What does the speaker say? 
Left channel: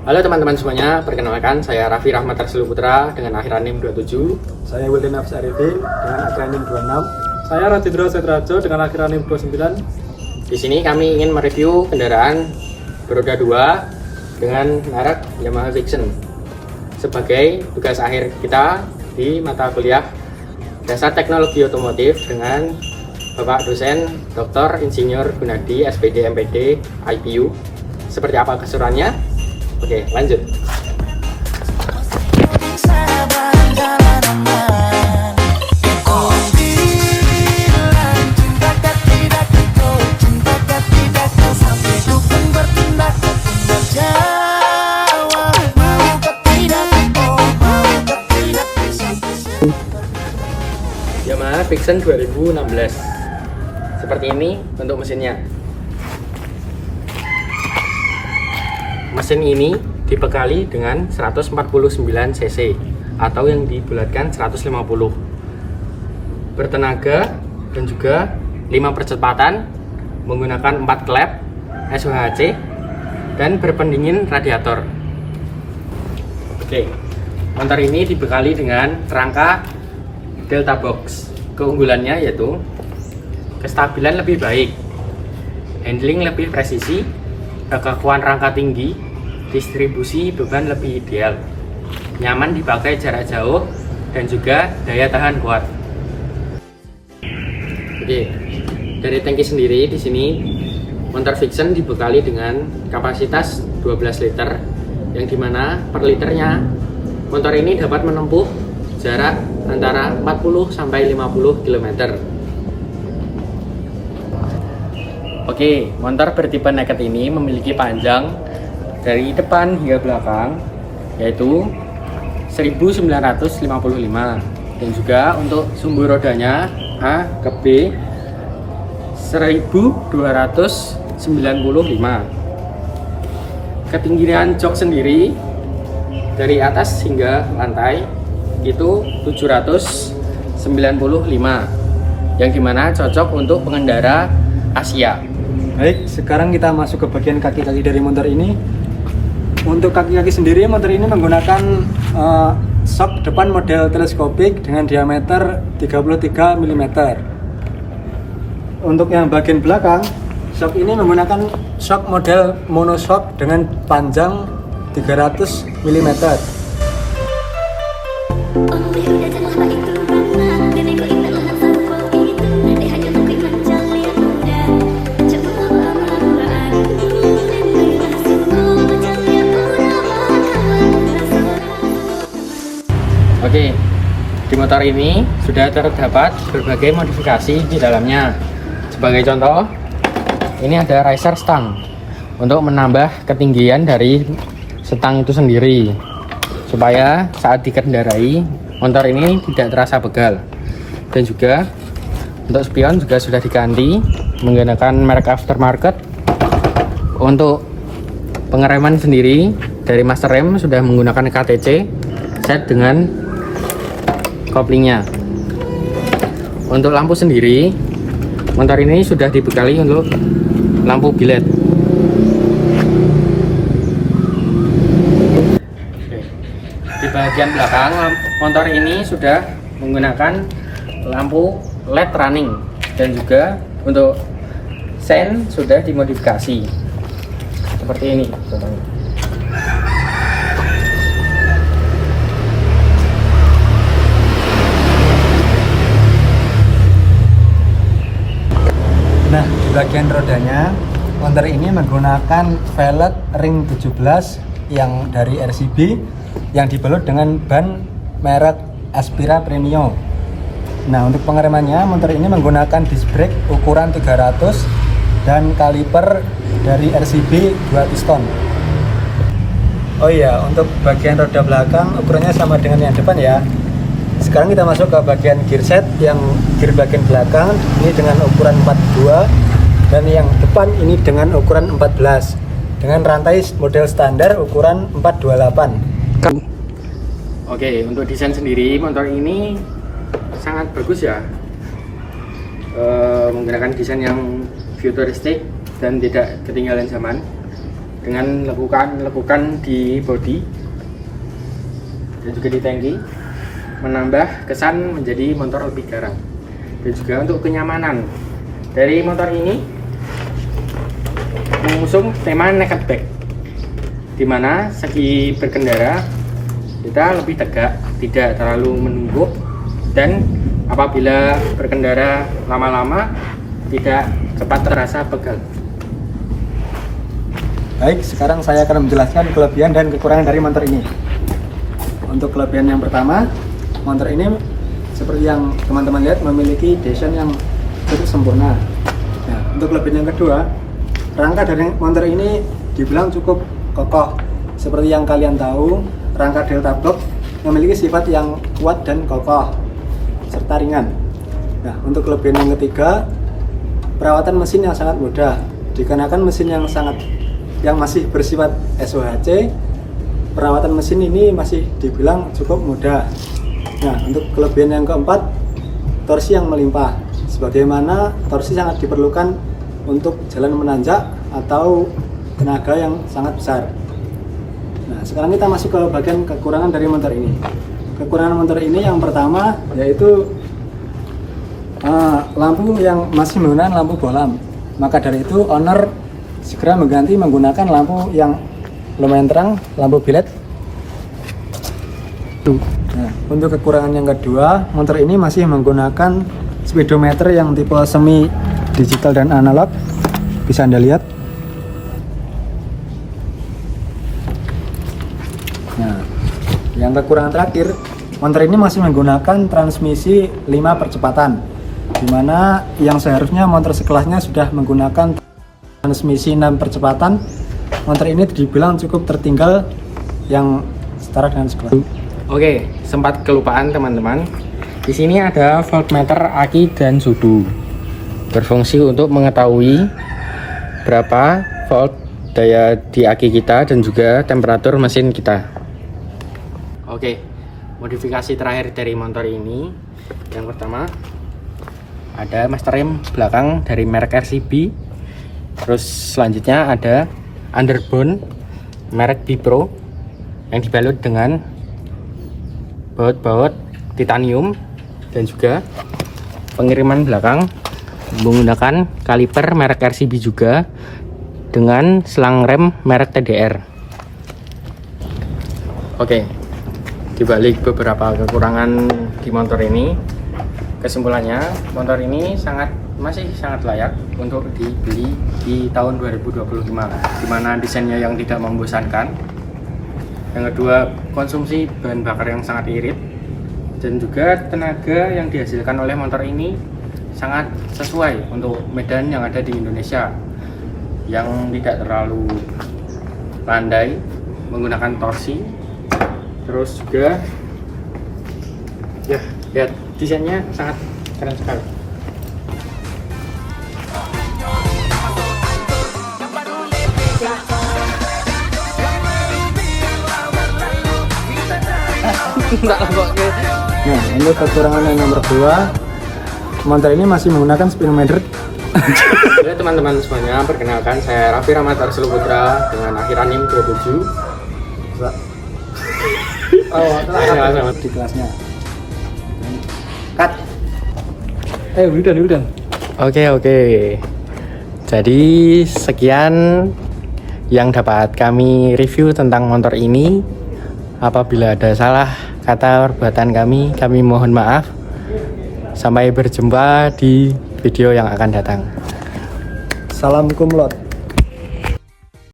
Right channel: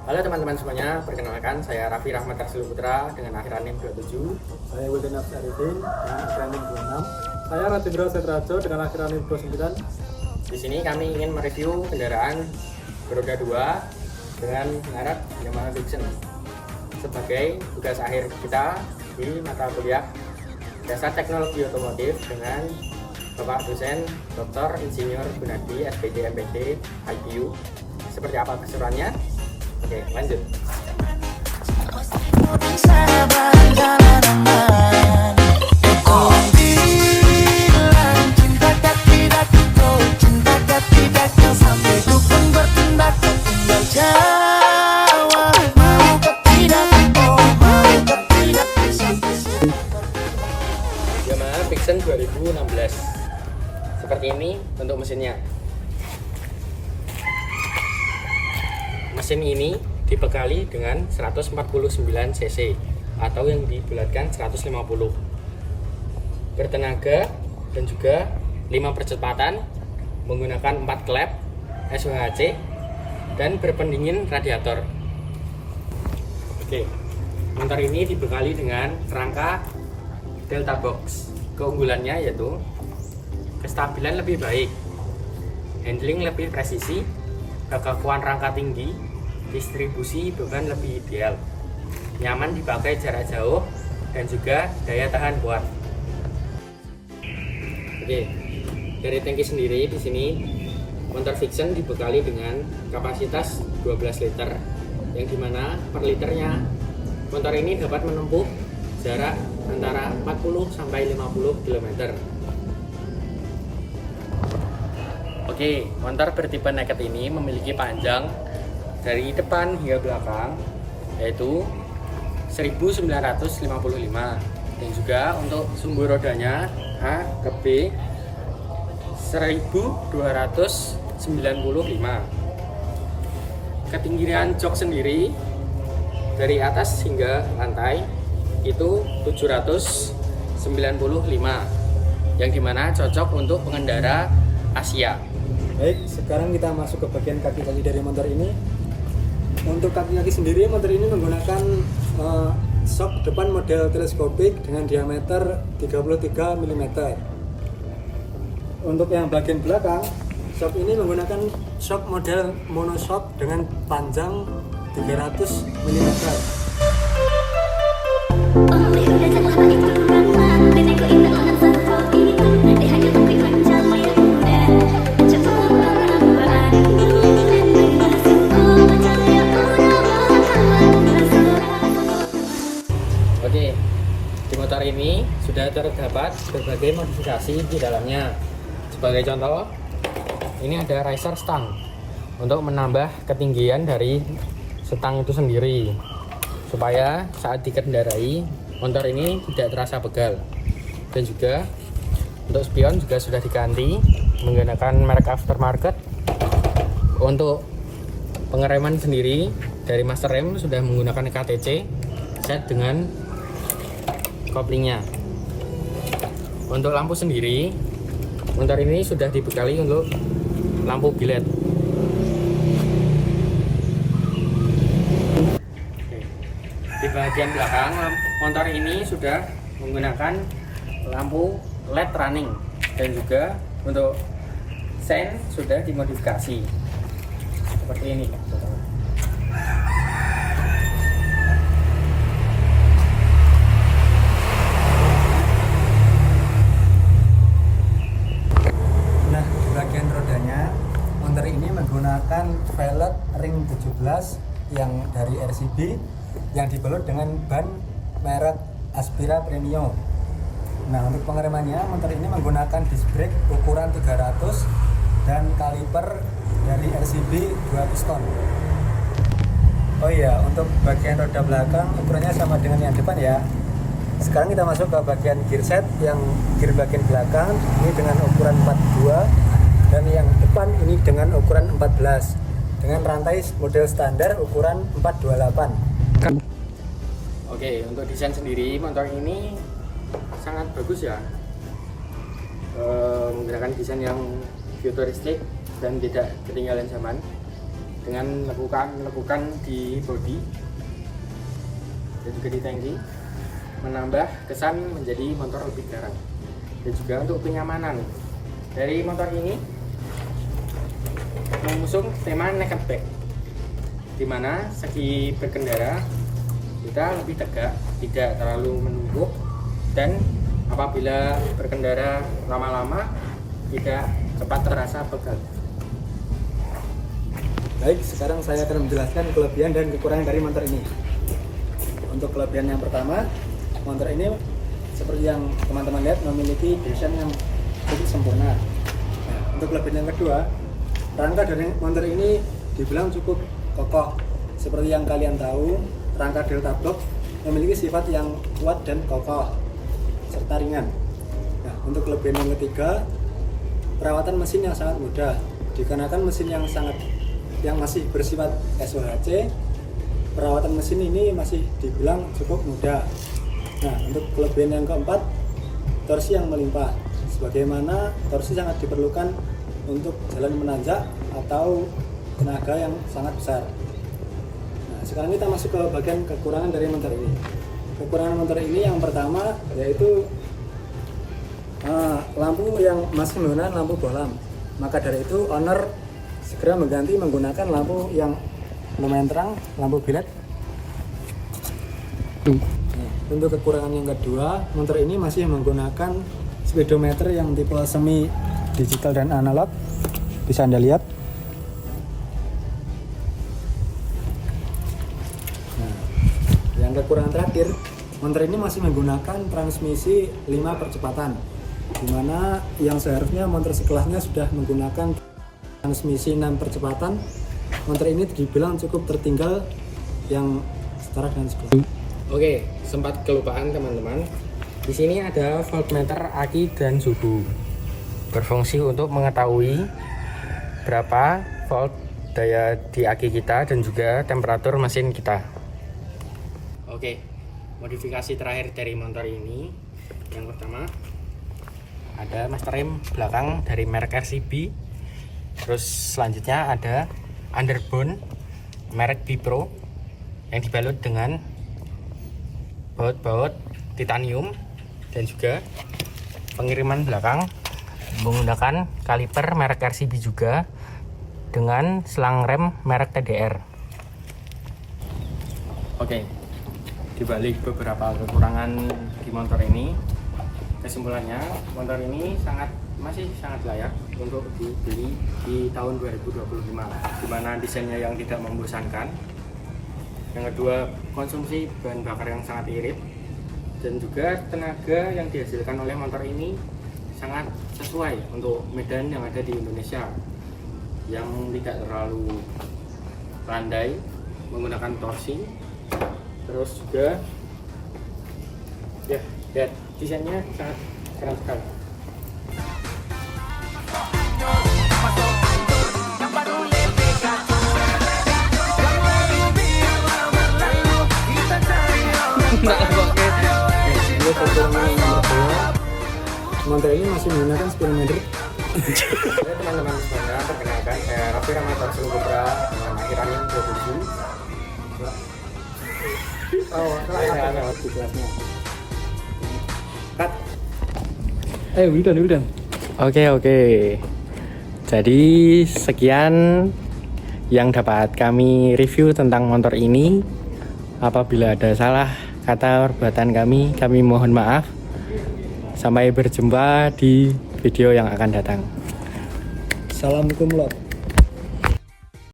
Halo teman-teman semuanya, perkenalkan saya Raffi Rahmat Tarsilo Putra dengan akhiran NIM 27. Saya Wildan Nafs Arifin dengan akhiran NIM 26. Saya Rajendra Setrajo dengan akhiran NIM 29. Di sini kami ingin mereview kendaraan beroda 2 dengan merek Yamaha Vixion sebagai tugas akhir kita di mata kuliah Dasar Teknologi Otomotif dengan Bapak dosen Dr. Insinyur Gunadi SPD MPD IPU. Seperti apa keseruannya? Oke, lanjut. Yamaha Vixion 2016. Seperti ini untuk mesinnya. Mesin ini dibekali dengan 149 cc atau yang dibulatkan 150, bertenaga dan juga 5 percepatan, menggunakan 4 klep SOHC dan berpendingin radiator. Oke, motor ini dibekali dengan rangka Delta Box. Keunggulannya yaitu kestabilan lebih baik, handling lebih presisi, kekakuan rangka tinggi, distribusi beban lebih ideal, nyaman dipakai jarak jauh, dan juga daya tahan kuat. Oke, dari tangki sendiri di sini motor Vixion dibekali dengan kapasitas 12 liter, yang dimana per liternya motor ini dapat menempuh jarak antara 40 sampai 50 km. Oke, motor bertipe naked ini memiliki panjang dari depan hingga belakang yaitu 1955, dan juga untuk sumbu rodanya A ke B 1295. Ketinggian jok sendiri dari atas hingga lantai itu 795, yang dimana cocok untuk pengendara Asia. Baik, sekarang kita masuk ke bagian kaki-kaki dari motor ini. Untuk kaki-kaki sendiri, motor ini menggunakan shock depan model teleskopik dengan diameter 33 mm. Untuk yang bagian belakang, shock ini menggunakan shock model monoshock dengan panjang 300 mm. Oke, di motor ini sudah terdapat berbagai modifikasi di dalamnya. Sebagai contoh, ini ada riser stang untuk menambah ketinggian dari stang itu sendiri, supaya saat dikendarai motor ini tidak terasa pegal. Dan juga untuk spion juga sudah diganti menggunakan merek aftermarket. Untuk pengereman sendiri dari master rem sudah menggunakan KTC set dengan koplingnya. Untuk lampu sendiri, motor ini sudah dibekali untuk lampu bilet. Di bagian belakang motor ini sudah menggunakan lampu LED running, dan juga untuk sen sudah dimodifikasi seperti ini contohnya. Nah, di bagian rodanya, motor ini menggunakan velg ring 17 yang dari RCB yang dibalut dengan ban merek Aspira Premio. Nah, untuk pengeremannya, motor ini menggunakan disc brake ukuran 300 dan kaliper dari RCB 2 piston. Oh iya, untuk bagian roda belakang ukurannya sama dengan yang depan ya. Sekarang kita masuk ke bagian gear set. Yang gear bagian belakang ini dengan ukuran 42, dan yang depan ini dengan ukuran 14 dengan rantai model standar ukuran 428. Oke, untuk desain sendiri motor ini sangat bagus ya. Menggunakan desain yang futuristik dan tidak ketinggalan zaman. dengan lekukan di bodi dan juga di tangki, menambah kesan menjadi motor lebih garang. Dan juga untuk kenyamanan dari motor ini mengusung tema naked back, dimana segi berkendara kita lebih tegak, tidak terlalu menungguk, dan apabila berkendara lama-lama tidak cepat terasa pegal. Baik, sekarang saya akan menjelaskan kelebihan dan kekurangan dari motor ini. Untuk kelebihan yang pertama, motor ini seperti yang teman-teman lihat memiliki desain yang cukup sempurna. Nah, untuk kelebihan yang kedua, rangka dari motor ini dibilang cukup kokoh. Seperti yang kalian tahu, rangka Delta Block memiliki sifat yang kuat dan kokoh serta ringan. Nah, untuk kelebihan yang ketiga, perawatan mesin yang sangat mudah. Dikarenakan mesin yang masih bersifat SOHC, perawatan mesin ini masih dibilang cukup mudah. Nah, untuk kelebihan yang keempat, torsi yang melimpah. Sebagaimana torsi sangat diperlukan untuk jalan menanjak atau tenaga yang sangat besar. Nah, sekarang kita masuk ke bagian kekurangan dari motor ini. Kekurangan motor ini yang pertama yaitu lampu yang masih menggunakan lampu bohlam. Maka dari itu owner segera mengganti menggunakan lampu yang lumayan terang, lampu bilet. Nah, untuk kekurangan yang kedua, motor ini masih menggunakan speedometer yang tipe semi digital dan analog. Bisa Anda lihat. Nah, yang kekurangan terakhir, motor ini masih menggunakan transmisi 5 percepatan, dimana yang seharusnya motor sekelasnya sudah menggunakan transmisi 6 percepatan. Motor ini dibilang cukup tertinggal yang setara dengan sekelas. Oke, sempat kelupaan teman-teman. Di sini ada voltmeter aki dan suhu, berfungsi untuk mengetahui berapa volt daya di aki kita dan juga temperatur mesin kita. Oke, modifikasi terakhir dari motor ini, yang pertama ada master rem belakang dari merek RCB. Terus selanjutnya ada underbone merek Bipro yang dibalut dengan baut-baut titanium, dan juga pengiriman belakang menggunakan kaliper merek RCB juga dengan selang rem merek TDR. Oke, dibalik beberapa kekurangan di motor ini, kesimpulannya motor ini masih sangat layak untuk dibeli di tahun 2025, dimana desainnya yang tidak membosankan. Yang kedua, konsumsi bahan bakar yang sangat irit, dan juga tenaga yang dihasilkan oleh motor ini sangat sesuai untuk medan yang ada di Indonesia, yang tidak terlalu landai, menggunakan torsi. Terus juga ya, lihat desainnya sangat keren sekali. Nah, ini kekurangan yang nomor 2, motor ini masih menggunakan speedometer. Oke teman-teman semuanya, perkenalkan saya Raffi Rahmat Arsul Putra dengan akhir anim 27. Selamat di kelasnya. Cut. Udah. Oke. Jadi sekian yang dapat kami review tentang motor ini. Apabila ada salah kata perbuatan kami mohon maaf. Sampai berjumpa di video yang akan datang. Salam kumlot.